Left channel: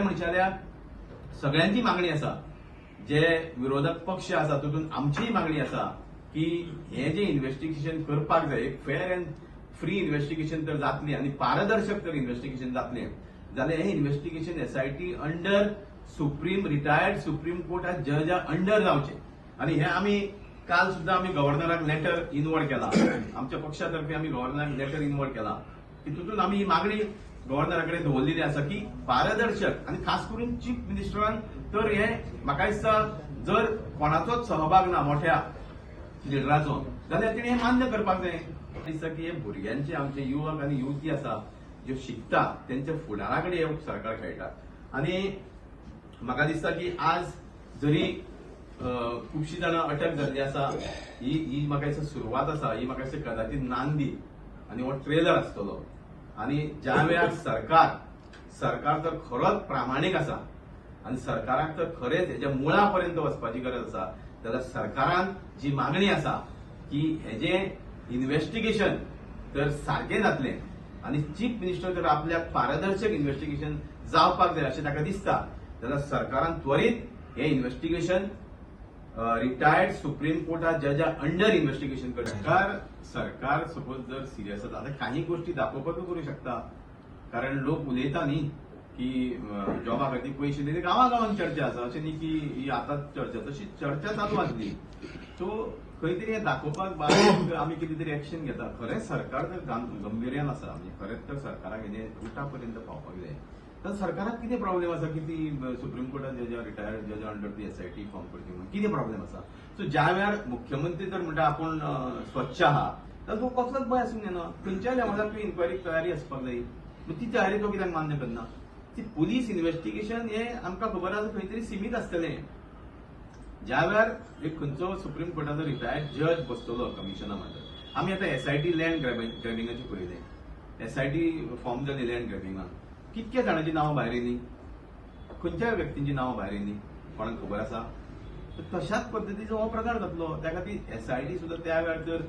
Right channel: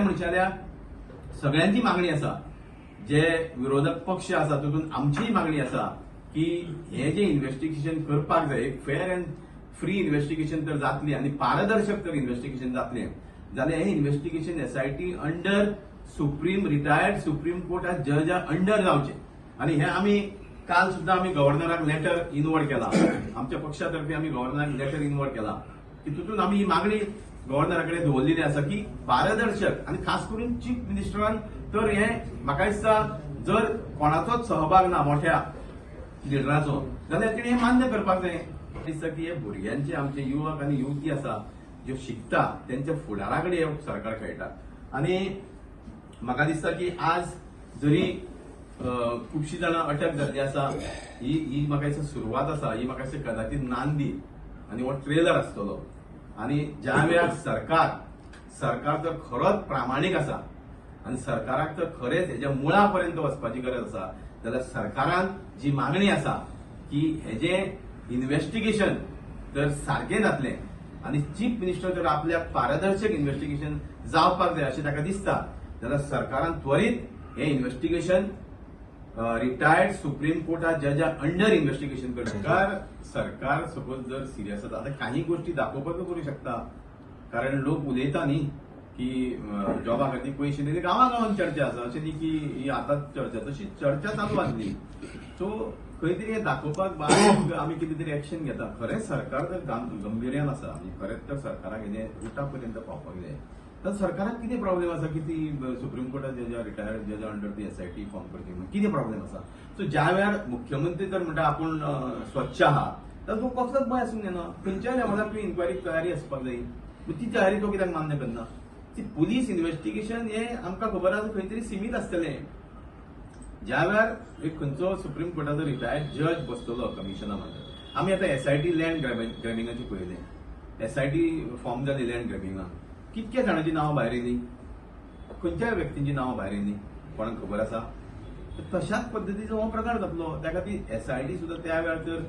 खरें म्हणशाल्यार सगळ्यांची मागणी आसा, जे विरोधक पक्ष आसा तातूंत आमचीय मागणी आसा की हे जे इन्व्हेस्टिगेशन करपाक जाय, एक फेअर अँड फ्री इन्व्हेस्टिगेशन तर जातली आनी पारदर्शक तर इन्व्हेस्टिगेशन जातलें जाल्यार हे investigation SIT under retired supreme कोर्टा जजा अंडर जावचें. आनी हे आमी काल सुद्धा आमी गव्हर्नराक लेटर इनवर्ड केला, आमच्या पक्षातर्फे आमी गव्हर्नराक लेटर इनवर्ड केला की तितून आमी ही मागणी गव्हर्नराकडे दवरलेली आसा की पारदर्शक आणि खास करून चीफ मिनिस्टरान तर हे म्हाका दिसता जर कोणाचोच सहभाग ना मोठ्या लिडराचो जाल्यार तिणे हे मान्य करपाक जाय. दिसता की हे भुरग्यांचे आमचे युवक आणि युवती आसा ज्यो शिकता त्यांच्या फुडाराकडे हे सरकार खेळटा. आणि म्हाका दिसता की आज जरी खुबशीं जाणां अटक जाल्ली आसा, ही म्हाका दिसता सुरवात आसा, ही म्हाका दिसता कदाचित नांदी आनी हो ट्रेलर आसतलो. आणि ज्या वेळार सरकार जर खरोच प्रामाणीक आसा आणि सरकाराक तर खरेंच हेच्या मुळापर्यंत वचपाची गरज आसा जाल्यार सरकारान जी मागणी आसा की हेजे इन्व्हेस्टिगेशन तर सारकें जातलें आणि चीफ मिनिस्टर जर आपल्याक पारदर्शक इन्व्हेस्टिगेशन जावपाक जाय अशें ताका दिसता जाल्यार सरकारान त्वरीत हे इन्व्हेस्टिगेशन रिटायर्ड सुप्रीम कोर्टा जजा अंडर इन्व्हेस्टिगेशन करता. सरकार सपोज जर सिरियस आसा आता काही गोष्टी दाखोवपाक करू शकता, कारण लोक उलयता न्ही की जॉबा खातीर पयशे दिले, गांवागांवांत चर्चा आसा, अशें न्ही की ही आतांच चर्चा, तशी चर्चा चालू आसली. सो खंय तरी हे दाखोवपाक बारीक आमी कितें तरी एक्शन घेता. खरेंच सरकार जर गंभीर्यान आसा म्हणजे खरेंच तर सरकाराक हेजे रुटापर्यंत पावपाक जाय. तर सरकाराक कितें प्रॉब्लेम आसा की ती सुप्रीम कोर्टात जजा रिटायर्ड जजा अंडर ती एसआयटी फॉर्म करची म्हणून कितें प्रॉब्लेम आसा. सो ज्या वेळार मुख्यमंत्री जर म्हणटा आपूण स्वच्छ आहा तर तो कसलोच भंय आसूंक जायना. खंयच्या लेवलार तुवें इन्क्वायरीक तयारी आसपाक जाय. ती तयारी तो कित्याक मान्य करना. ती पुलीस इन्व्हेस्टिगेशन हे आमकां खबर आसा खंय तरी सीमीत आसतलें. ज्या वेळार एक खंयचो सुप्रीम कोर्टाचो रिटायर्ड जज बसतलो कमिशना मात्र, आमी आतां एसआयटी लँड ग्रॅबिंगाची पळयलें, एसआयटी फॉर्म जाली लँड ग्रॅबिंगान, कितक्या जाणांची नांवां भायर येयली, खंयच्या व्यक्तींची नांवां भायर येयली कोणाक खबर आसा. तशाच पद्दतीचो हो प्रकार जातलो. त्या खातीर एसआयटी सुद्दां त्या वेळार जर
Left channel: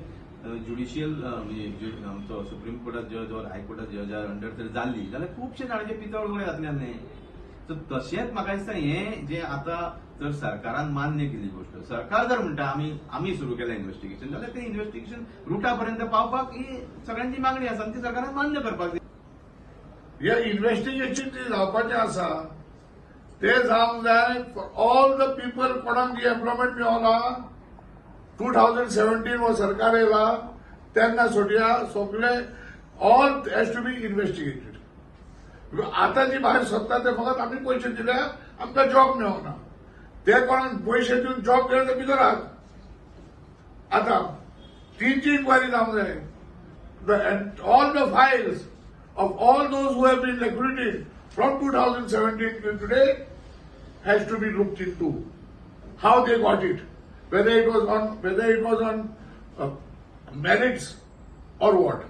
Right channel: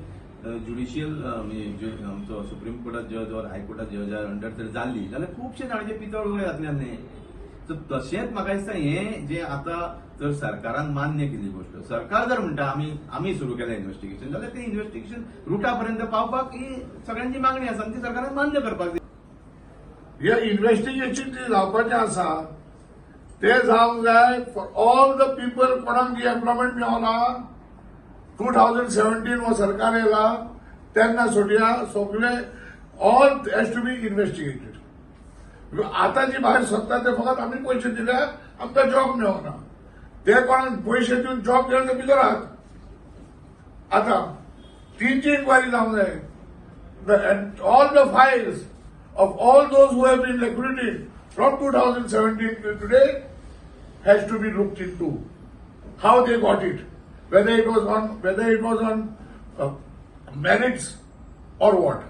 ज्युडिशियल म्हणजे आमचो सुप्रीम कोर्टात जज वा हायकोर्टात जज अंडर जर जाल्ली जाल्यार खुबशे जाणांचे पितळ उगडे जातले आसले. सो तशेंच म्हाका दिसता हे जे आतां जर सरकारान मान्य केली गोष्ट, सरकार जर म्हणटा आमी सुरू केलें इन्व्हेस्टिगेशन जाल्यार ते इन्व्हेस्टिगेशन रुटापर्यंत पावपाक ही सगळ्यांची मागणी आसा आनी ती सरकारान मान्य करपाक जाय. हे इन्व्हेस्टिगेशन जे जावपाचें आसा ते जावंक जाय फॉर ऑल द पीपल कोणाक जी एम्प्लॉयमेंट मेळना. 2017 हो सरकार येयला तेन्ना सगळे all has to be investigated. आतां जी भायर सरता ते फकत आमी पयशे दिल्यार आमकां जॉब मेळना. ते कोणाक पयशे दिवन जॉब घेवन ते भितर आहात. आतां तीनची इन्क्वायरी जावंक जाय. All the Fayol's of all those who have been liquidated from 2017 till today has to be looked into. How they got it, whether it was on merits or what.